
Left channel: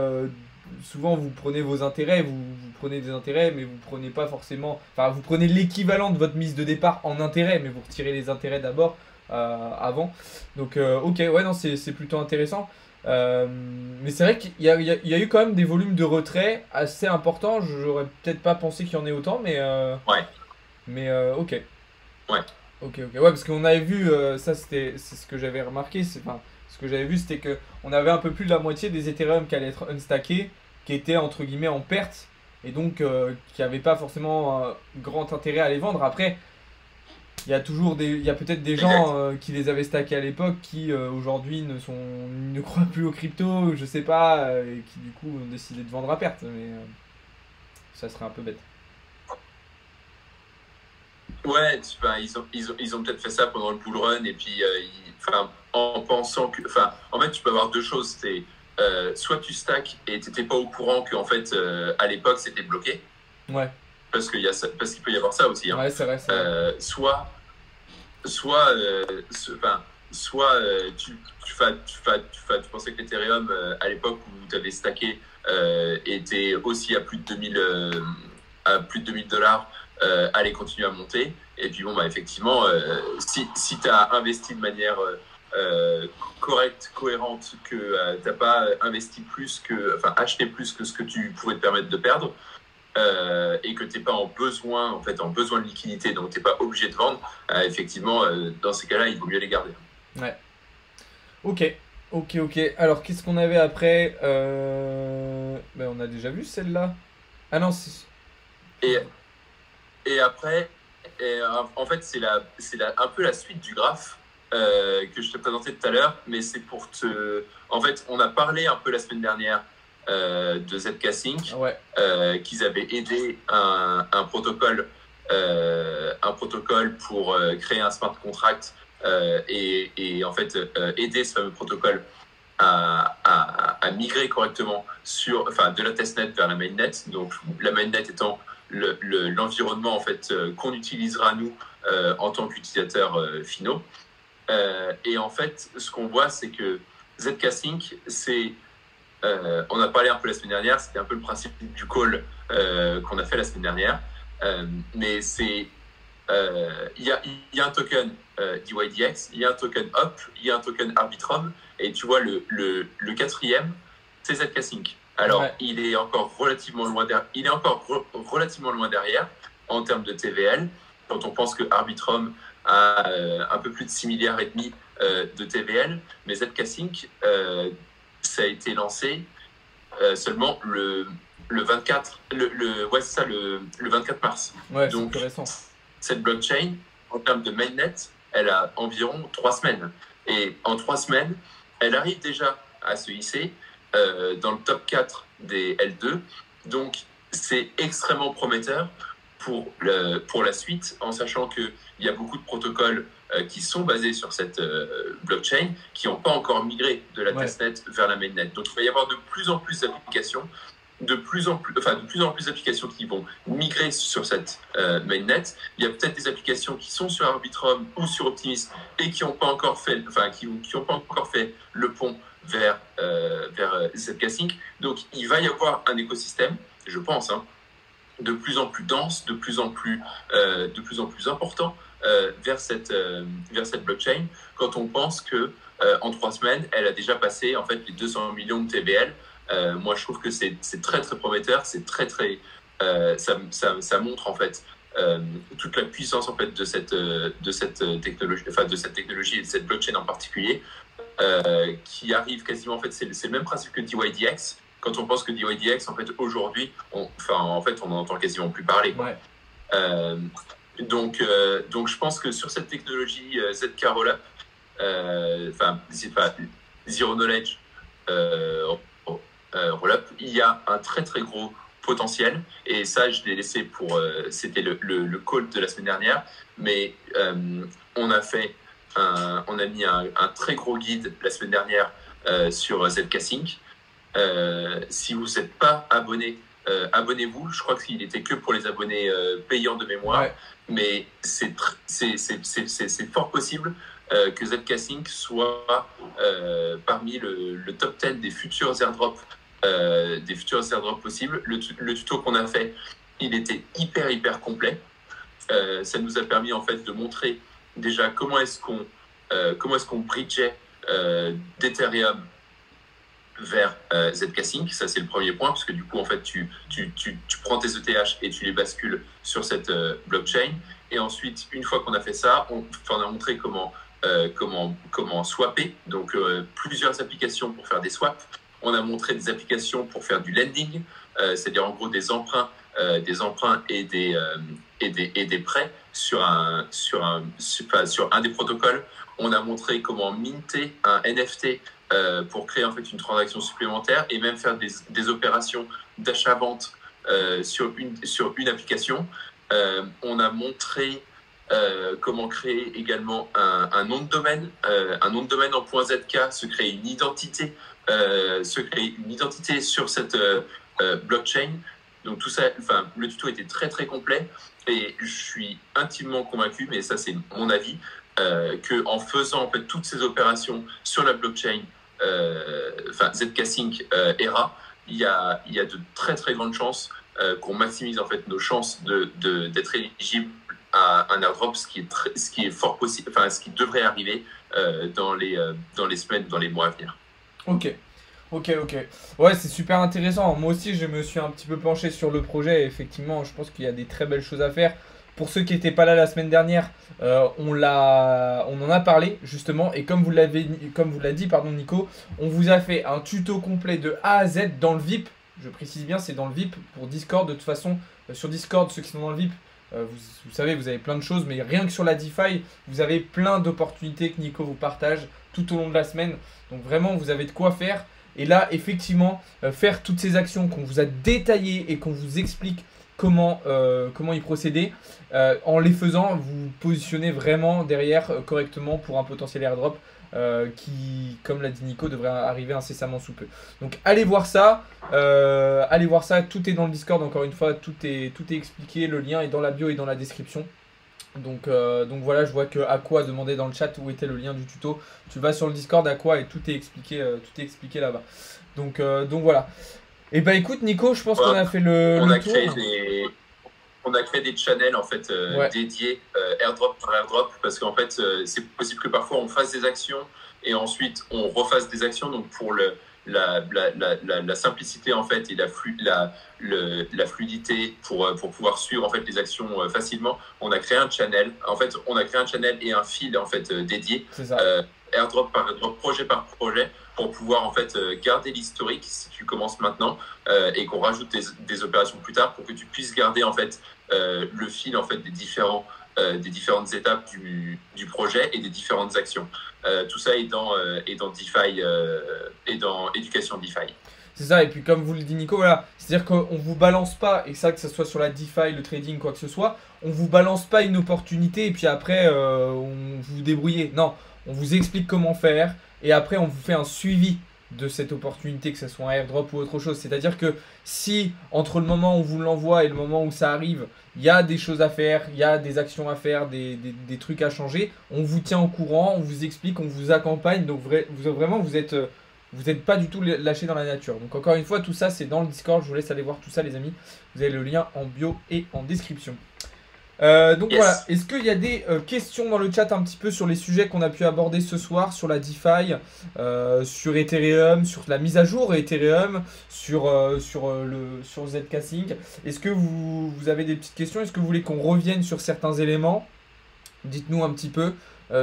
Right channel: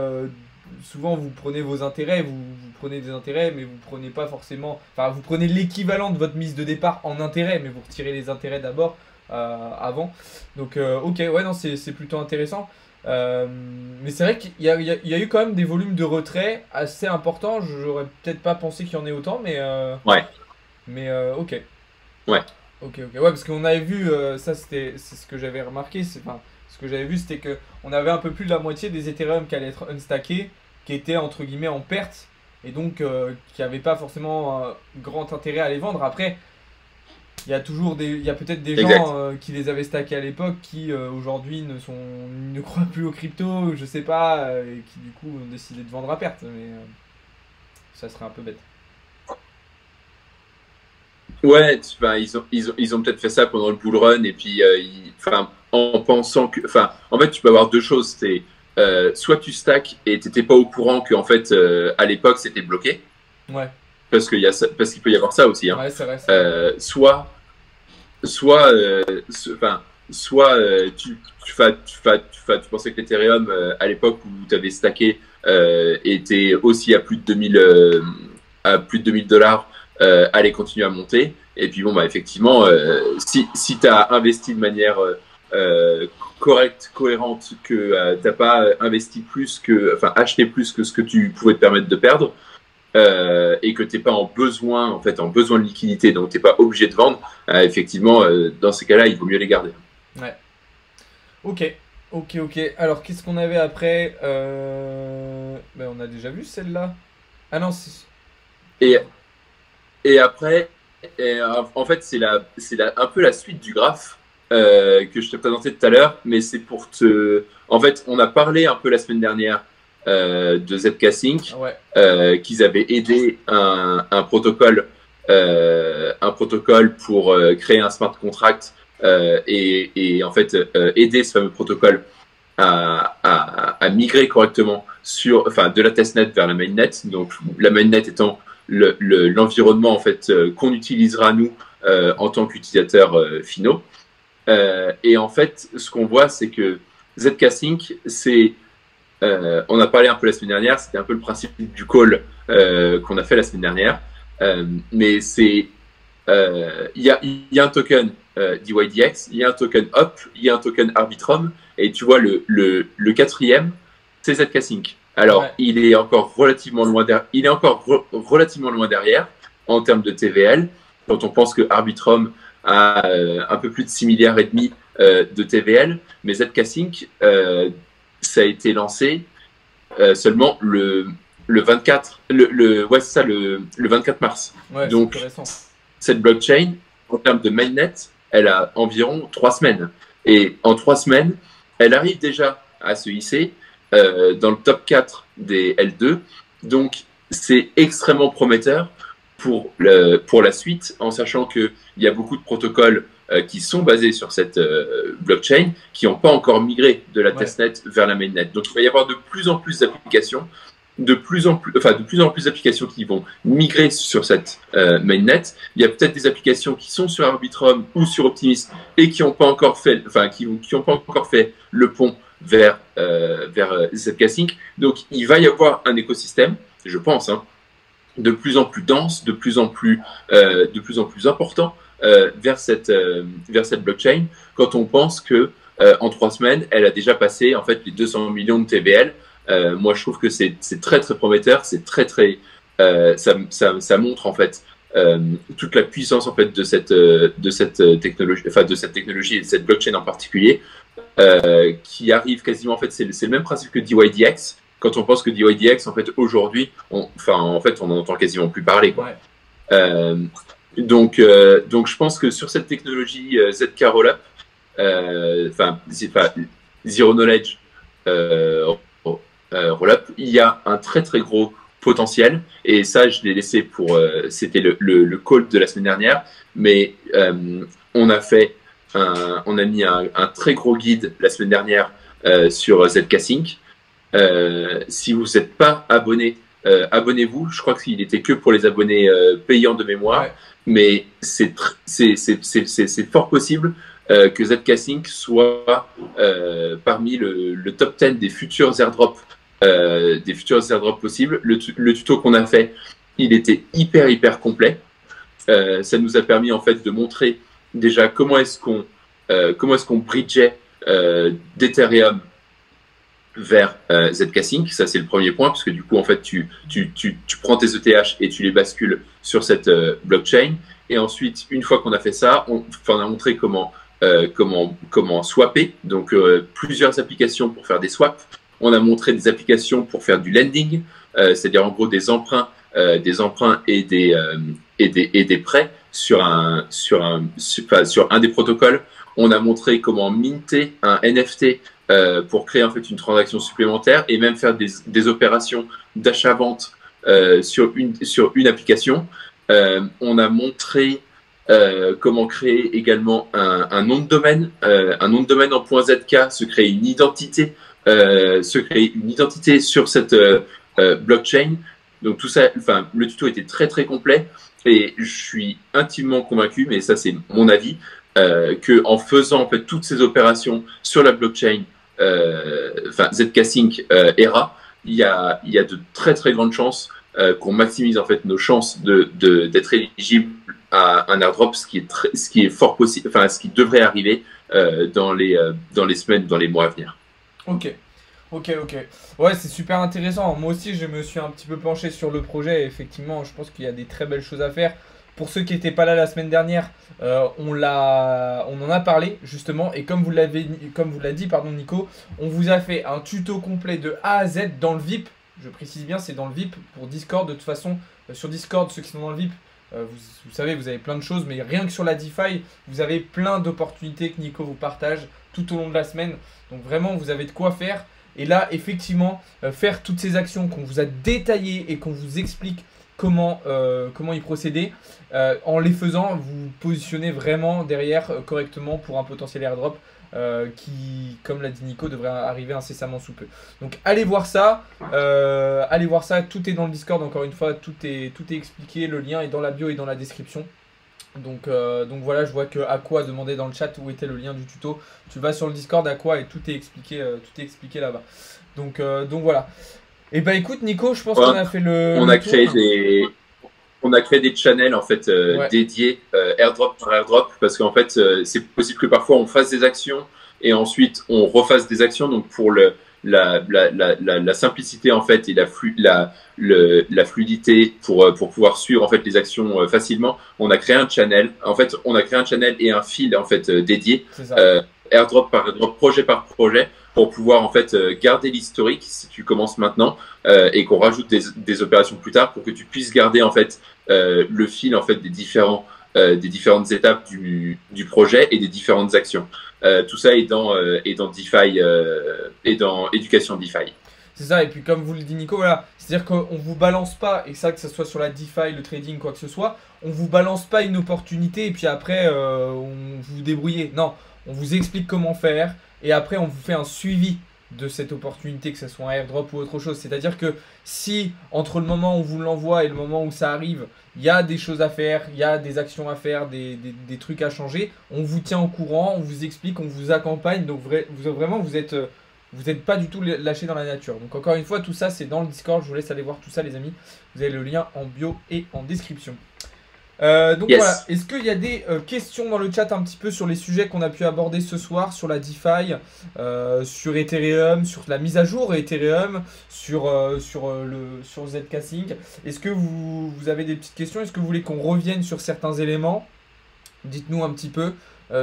souvent vous prenez vos intérêts, vous prenez des intérêts, mais vous prenez pas forcément... vous prenez l'équivalent de votre mise de départ en intérêts, mais vous retirez les intérêts d'abord, avant. Donc ok, ouais, non, c'est plutôt intéressant. Mais c'est vrai qu'il y a eu quand même des volumes de retrait assez importants. J'aurais peut-être pas pensé qu'il y en ait autant, mais ouais. Mais ok. Ouais. Ok. Ouais, parce qu'on avait vu, c'est ce que j'avais remarqué, ce que j'avais vu, c'était que on avait un peu plus de la moitié des Ethereum qui allaient être unstackés, qui étaient entre guillemets en perte, et donc qui n'avaient pas forcément grand intérêt à les vendre. Après, il y a toujours il y a peut-être des Exact. gens qui les avaient stackés à l'époque qui aujourd'hui ne croient plus aux crypto, je sais pas, et qui du coup ont décidé de vendre à perte. Mais ça serait un peu bête. Ouais, enfin, ils ont peut-être fait ça pendant le bull run et puis enfin, en pensant que, enfin, en fait, tu peux avoir deux choses. C'est soit tu stack et t'étais pas au courant que en fait à l'époque c'était bloqué Ouais, parce qu'il peut y avoir ça aussi. Hein. ouais, c'est vrai, c'est vrai. Soit, enfin, soit tu pensais que l'Ethereum à l'époque où tu avais stacké était aussi à plus de 2000 $, allait continuer à monter. Et puis bon, bah, effectivement, si tu as investi de manière correcte, cohérente, que t'as pas investi plus que, enfin, acheté plus que ce que tu pouvais te permettre de perdre, et que tu n'es pas en fait, en besoin de liquidité, donc tu n'es pas obligé de vendre, effectivement, dans ces cas-là, il vaut mieux les garder. Ouais. Ok, ok, ok. Alors, qu'est-ce qu'on avait après ben, on a déjà vu celle-là. Ah non, Et, et après, en fait, un peu la suite du graphe que je t'ai présenté tout à l'heure, mais c'est pour te. En fait, on a parlé un peu la semaine dernière de ZK Sync, ouais, qu'ils avaient aidé un protocole pour créer un smart contract et en fait aider ce fameux protocole à migrer correctement enfin, de la testnet vers la mainnet. Donc la mainnet étant l'environnement en fait qu'on utilisera nous en tant qu'utilisateurs finaux. Et en fait, ce qu'on voit, c'est que ZK Sync, on a parlé un peu la semaine dernière, c'était un peu le principe du call qu'on a fait la semaine dernière. Mais il y a un token DYDX, il y a un token HOP, il y a un token Arbitrum, et tu vois le quatrième, c'est ZK Sync. Alors, ouais, il est encore relativement loin derrière en termes de TVL. Quand on pense que Arbitrum a un peu plus de 6 milliards et demi de TVL, mais ZK Sync, ça a été lancé seulement le 24, ouais, c'est ça, le 24 mars. ouais, c'est plus Donc, récent. cette blockchain, en termes de mainnet, elle a environ 3 semaines. Et en 3 semaines, elle arrive déjà à se hisser dans le top 4 des L2. Donc, c'est extrêmement prometteur pour la suite, en sachant qu'il y a beaucoup de protocoles qui sont basés sur cette blockchain, qui n'ont pas encore migré de la Ouais, testnet vers la mainnet. Donc, il va y avoir de plus en plus d'applications de plus en plus d'applications qui vont migrer sur cette mainnet. Il y a peut-être des applications qui sont sur Arbitrum ou sur Optimism et qui n'ont pas encore fait, qui ont pas encore fait le pont vers ZK Sync. Donc, il va y avoir un écosystème, je pense, hein, de plus en plus dense, de plus en plus important vers cette blockchain. Quand on pense que en 3 semaines, elle a déjà passé en fait les 200 millions de TVL. Moi, je trouve que c'est très très prometteur. C'est très très ça montre en fait toute la puissance en fait de cette technologie, enfin de cette technologie et de cette blockchain en particulier, qui arrive quasiment en fait c'est le même principe que DYDX. Quand on pense que DYDX en fait aujourd'hui, on en entend quasiment plus parler, quoi. ouais, Euh, donc je pense que sur cette technologie ZK Rollup, c'est pas Zero Knowledge Rollup, il y a un très très gros potentiel, et ça je l'ai laissé pour c'était le call de la semaine dernière, mais on a mis un très gros guide la semaine dernière sur ZK Sync. Si vous n'êtes pas abonné, abonnez-vous. Je crois qu'il était que pour les abonnés payants de mémoire, ouais, mais c'est fort possible que ZK Sync soit parmi le top 10 des futurs airdrops possibles. Le tuto qu'on a fait, il était hyper complet. Ça nous a permis en fait de montrer déjà comment est-ce qu'on bridgeait d'Ethereum vers ZK Sync. Ça, c'est le premier point, parce que du coup, en fait, tu prends tes ETH et tu les bascules sur cette blockchain. Et ensuite, une fois qu'on a fait ça, on a montré comment swapper, donc plusieurs applications pour faire des swaps. On a montré des applications pour faire du lending, c'est-à-dire en gros des emprunts des emprunts et des prêts sur un des protocoles. On a montré comment minter un NFT pour créer en fait une transaction supplémentaire et même faire des opérations d'achat-vente sur une application. On a montré comment créer également un nom de domaine, en .zk, se créer une identité, sur cette blockchain. Donc tout ça, enfin, le tuto était très très complet et je suis intimement convaincu, mais ça c'est mon avis, que en faisant en fait toutes ces opérations sur la blockchain, ZK Sync ERA, il y a de très très grandes chances qu'on maximise en fait nos chances d'être éligible à un airdrop, ce qui est fort possible, enfin ce qui devrait arriver dans les semaines, dans les mois à venir. Ok. Ouais, c'est super intéressant. Moi aussi, je me suis un petit peu penché sur le projet. Et effectivement, je pense qu'il y a des très belles choses à faire. Pour ceux qui n'étaient pas là la semaine dernière, on en a parlé justement. Et comme vous l'a dit, pardon, Nico, on vous a fait un tuto complet de A à Z dans le VIP. Je précise bien, c'est dans le VIP pour Discord. De toute façon, sur Discord, ceux qui sont dans le VIP, vous savez, vous avez plein de choses. Mais rien que sur la DeFi, vous avez plein d'opportunités que Nico vous partage tout au long de la semaine. Donc vraiment, vous avez de quoi faire. Et là, effectivement, faire toutes ces actions qu'on vous a détaillées et qu'on vous explique comment y procéder, en les faisant, vous positionnez vraiment derrière correctement pour un potentiel airdrop qui, comme l'a dit Nico, devrait arriver incessamment sous peu. Donc allez voir ça, tout est dans le Discord, encore une fois, tout est expliqué, le lien est dans la bio et dans la description. Donc voilà, je vois que Aqua demandait dans le chat où était le lien du tuto. Tu vas sur le Discord Aqua et tout est expliqué là-bas. Donc voilà. Et bah écoute Nico, je pense qu'on a fait on a créé des channels en fait dédiés airdrop par airdrop, parce qu'en fait c'est possible que parfois on fasse des actions et ensuite on refasse des actions. Donc pour la simplicité en fait et la fluidité pour pouvoir suivre en fait les actions facilement, on a créé un channel. En fait, on a créé un channel et un fil en fait dédié, airdrop par airdrop, projet par projet, pour pouvoir en fait garder l'historique si tu commences maintenant et qu'on rajoute des opérations plus tard, pour que tu puisses garder en fait le fil en fait des différentes étapes du projet et des différentes actions. Tout ça est dans DeFi et dans éducation DeFi. C'est ça, et puis comme vous le dit Nico, voilà, c'est-à-dire qu'on ne vous balance pas, et ça que ce soit sur la DeFi, le trading, quoi que ce soit, on ne vous balance pas une opportunité et puis après on vous débrouillez. Non, on vous explique comment faire et après on vous fait un suivi de cette opportunité, que ce soit un airdrop ou autre chose. C'est-à-dire que si entre le moment où on vous l'envoie et le moment où ça arrive, il y a des choses à faire, il y a des actions à faire, des trucs à changer, on vous tient au courant, on vous explique, on vous accompagne. Donc vraiment, vous n'êtes pas du tout lâché dans la nature. Donc encore une fois, tout ça, c'est dans le Discord. Je vous laisse aller voir tout ça, les amis. Vous avez le lien en bio et en description. Donc voilà, est-ce qu'il y a des questions dans le chat un petit peu sur les sujets qu'on a pu aborder ce soir, sur la DeFi, sur Ethereum, sur la mise à jour Ethereum, sur ZK Sync? Est-ce que vous avez des petites questions? Est-ce que vous voulez qu'on revienne sur certains éléments? Dites-nous un petit peu,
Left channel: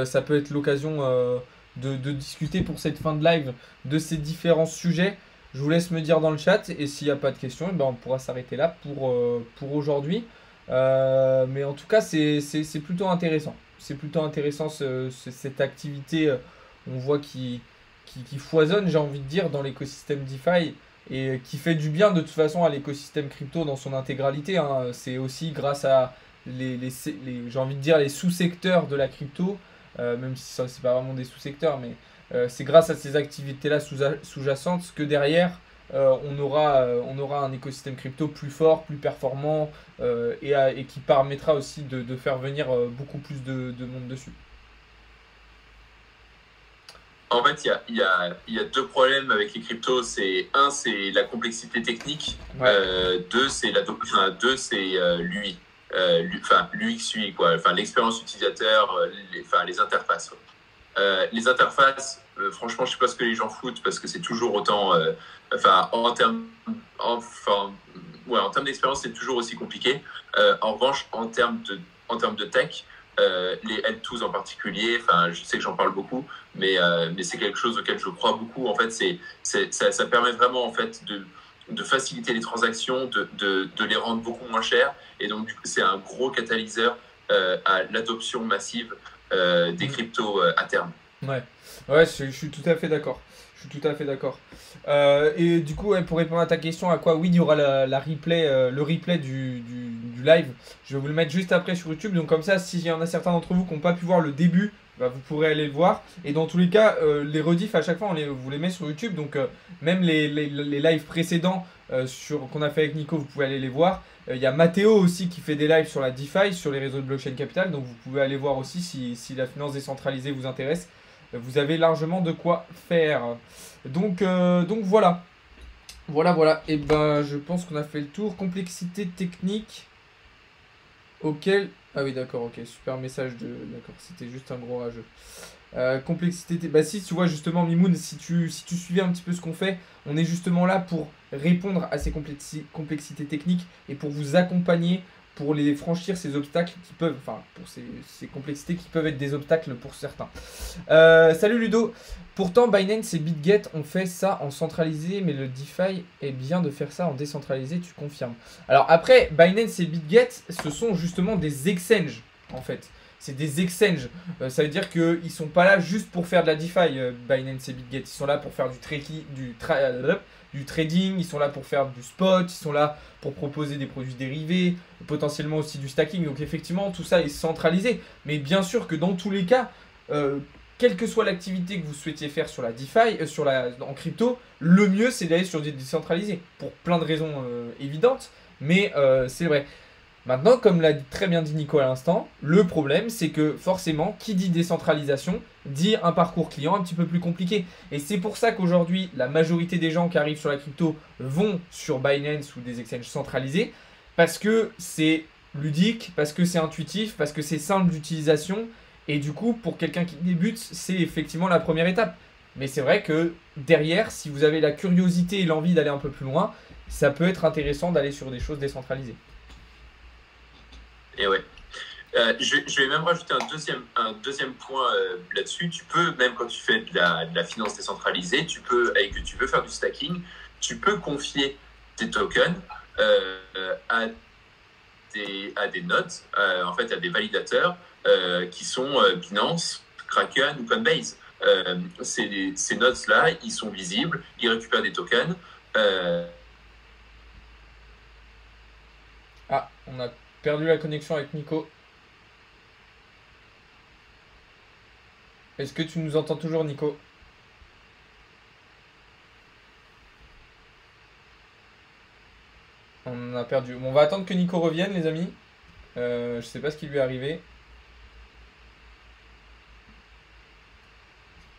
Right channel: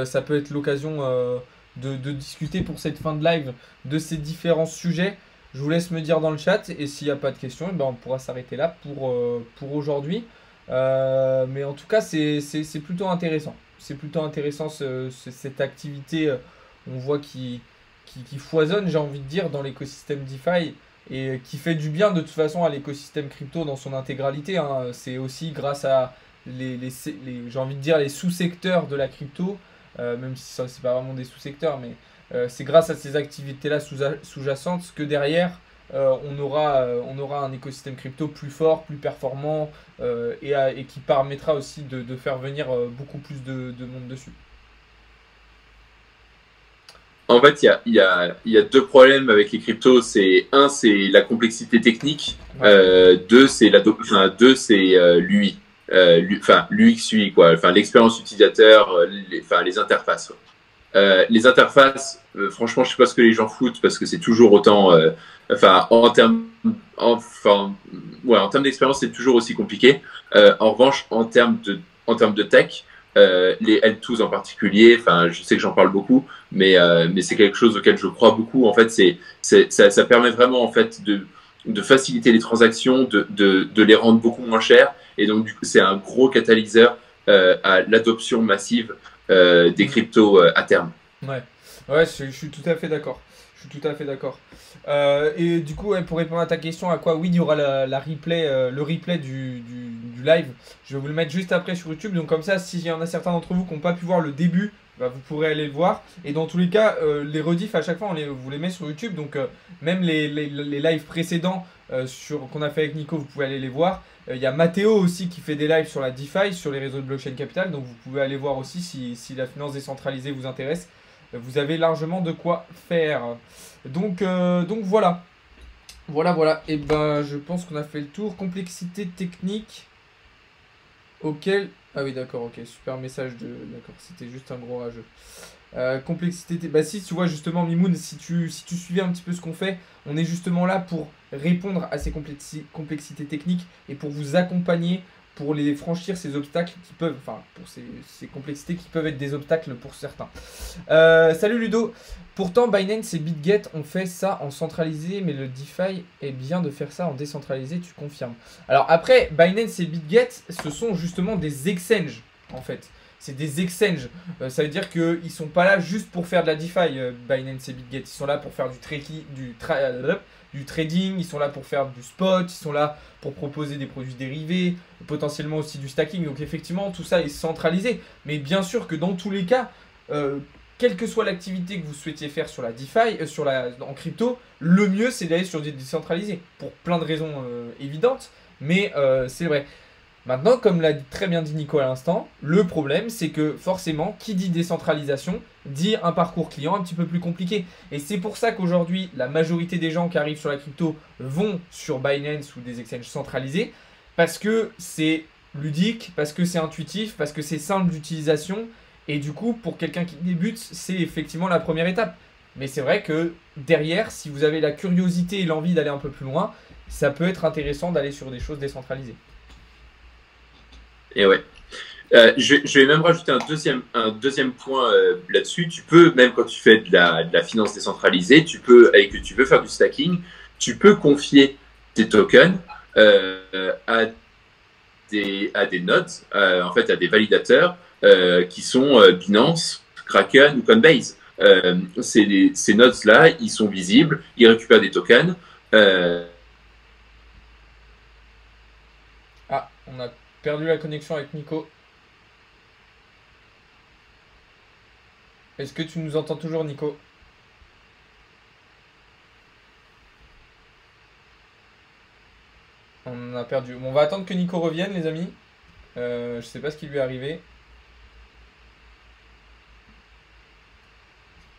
ça peut être l'occasion de discuter pour cette fin de live de ces différents sujets. Je vous laisse me dire dans le chat, et s'il n'y a pas de questions, ben on pourra s'arrêter là pour aujourd'hui. Mais en tout cas, c'est plutôt intéressant. C'est plutôt intéressant cette activité, on voit qui foisonne, j'ai envie de dire, dans l'écosystème DeFi et qui fait du bien de toute façon à l'écosystème crypto dans son intégralité, hein. C'est aussi grâce à j'ai envie de dire les sous-secteurs de la crypto, même si ça c'est pas vraiment des sous-secteurs, mais c'est grâce à ces activités-là sous-jacentes que derrière on aura un écosystème crypto plus fort, plus performant et qui permettra aussi de faire venir beaucoup plus de monde dessus. En fait, il y a deux problèmes avec les cryptos. C'est la complexité technique. Deux, c'est l'UI. L'UX UI, quoi. Enfin, l'expérience utilisateur, les interfaces. Les interfaces, franchement, je sais pas ce que les gens foutent, parce que c'est toujours autant. En termes d'expérience, c'est toujours aussi compliqué. En revanche, en termes de tech, les L2s en particulier, je sais que j'en parle beaucoup, mais c'est quelque chose auquel je crois beaucoup. En fait, ça permet vraiment en fait de faciliter les transactions, de les rendre beaucoup moins chères. Et donc, du coup, c'est un gros catalyseur à l'adoption massive des cryptos à terme. Ouais, ouais, je suis tout à fait d'accord. Je suis tout à fait d'accord. Et du coup, ouais, pour répondre à ta question, à quoi? Oui, il y aura la replay, le replay du live. Je vais vous le mettre juste après sur YouTube. Donc comme ça, s'il y en a certains d'entre vous qui n'ont pas pu voir le début, bah, vous pourrez aller le voir. Et dans tous les cas, les rediffs à chaque fois, vous les met sur YouTube. Donc même les lives précédents qu'on a fait avec Nico, vous pouvez aller les voir. Il y a Mathéo aussi qui fait des lives sur la DeFi, sur les réseaux de blockchain capital. Donc vous pouvez aller voir aussi si la finance décentralisée vous intéresse. Vous avez largement de quoi faire. Donc voilà. Voilà. Et ben je pense qu'on a fait le tour. Complexité technique auquel... Ah oui d'accord, ok. Super message de... D'accord, c'était juste un gros rageux. Complexité... Bah si, tu vois justement Mimoun, si tu suivais un petit peu ce qu'on fait, on est justement là pour répondre à ces complexités techniques et pour vous accompagner pour les franchir ces obstacles qui peuvent, enfin pour ces complexités qui peuvent être des obstacles pour certains. Salut Ludo. Pourtant Binance et BitGet ont fait ça en centralisé, mais le DeFi est bien de faire ça en décentralisé, tu confirmes? Alors après, Binance et BitGet, ce sont justement des exchanges en fait. C'est des exchanges. Ça veut dire qu'ils ne sont pas là juste pour faire de la DeFi, Binance et BitGet. Ils sont là pour faire du trading, ils sont là pour faire du spot, ils sont là pour proposer des produits dérivés, potentiellement aussi du stacking. Donc effectivement, tout ça est centralisé. Mais bien sûr que dans tous les cas, quelle que soit l'activité que vous souhaitiez faire sur la DeFi, en crypto, le mieux c'est d'aller sur des décentralisés. Pour plein de raisons évidentes, mais c'est vrai. Maintenant, comme l'a très bien dit Nico à l'instant, le problème c'est que forcément, qui dit décentralisation, dit un parcours client un petit peu plus compliqué. Et c'est pour ça qu'aujourd'hui, la majorité des gens qui arrivent sur la crypto vont sur Binance ou des exchanges centralisés, parce que c'est ludique, parce que c'est intuitif, parce que c'est simple d'utilisation. Et du coup, pour quelqu'un qui débute, c'est effectivement la première étape. Mais c'est vrai que derrière, si vous avez la curiosité et l'envie d'aller un peu plus loin, ça peut être intéressant d'aller sur des choses décentralisées. Et ouais. Je vais même rajouter un deuxième point là-dessus. Tu peux, même quand tu fais de la finance décentralisée, et que tu veux faire du stacking, tu peux confier tes tokens à des nodes, en fait à des validateurs qui sont Binance, Kraken ou Coinbase. Ces nodes-là, ils sont visibles, ils récupèrent des tokens. Ah, on a perdu la connexion avec Nico. Est-ce que tu nous entends toujours, Nico? On a perdu. Bon, on va attendre que Nico revienne, les amis. Je sais pas ce qui lui est arrivé.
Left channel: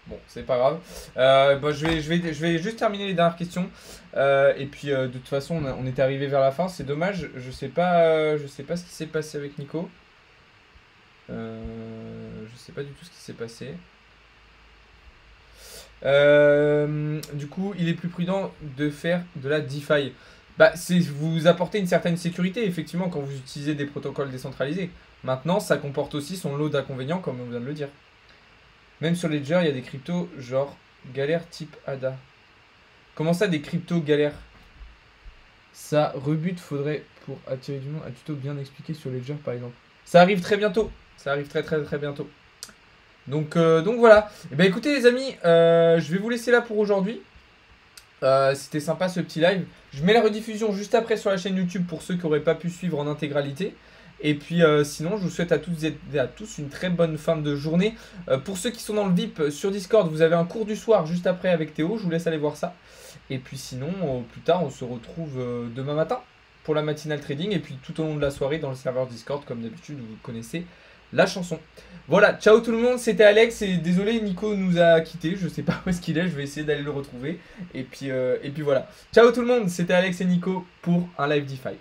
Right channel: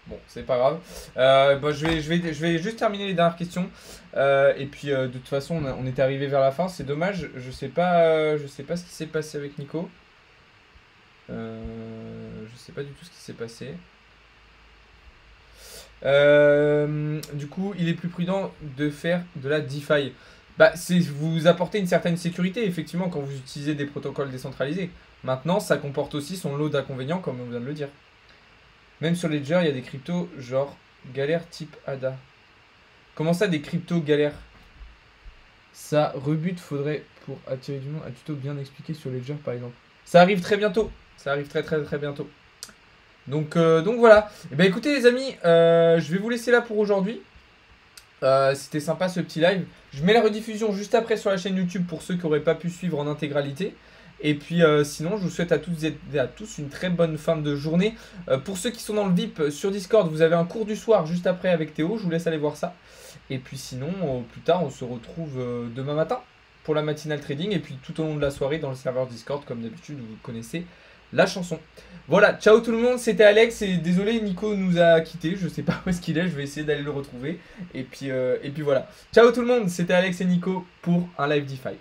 Bon, c'est pas grave. Je vais juste terminer les dernières questions. Et puis, de toute façon, on était arrivé vers la fin. C'est dommage. Je sais pas ce qui s'est passé avec Nico. Je sais pas du tout ce qui s'est passé. Du coup, il est plus prudent de faire de la DeFi. Bah, vous apportez une certaine sécurité, effectivement, quand vous utilisez des protocoles décentralisés. Maintenant, ça comporte aussi son lot d'inconvénients, comme on vient de le dire. Même sur Ledger, il y a des cryptos genre galère type ADA. Comment ça, des cryptos galères? Ça rebute, faudrait pour attirer du monde un tuto bien expliqué sur Ledger par exemple. Ça arrive très bientôt. Ça arrive très bientôt. Donc voilà. Et ben écoutez les amis, je vais vous laisser là pour aujourd'hui. C'était sympa ce petit live. Je mets la rediffusion juste après sur la chaîne YouTube pour ceux qui n'auraient pas pu suivre en intégralité. Et puis sinon, je vous souhaite à toutes et à tous une très bonne fin de journée. Pour ceux qui sont dans le VIP sur Discord, vous avez un cours du soir juste après avec Théo. Je vous laisse aller voir ça. Et puis sinon, plus tard, on se retrouve demain matin pour la matinale trading. Et puis tout au long de la soirée dans le serveur Discord, comme d'habitude, vous connaissez la chanson. Voilà, ciao tout le monde, c'était Alex. Et désolé, Nico nous a quittés. Je sais pas où est-ce qu'il est. Je vais essayer d'aller le retrouver. Et puis voilà. Ciao tout le monde, c'était Alex et Nico pour un live DeFi.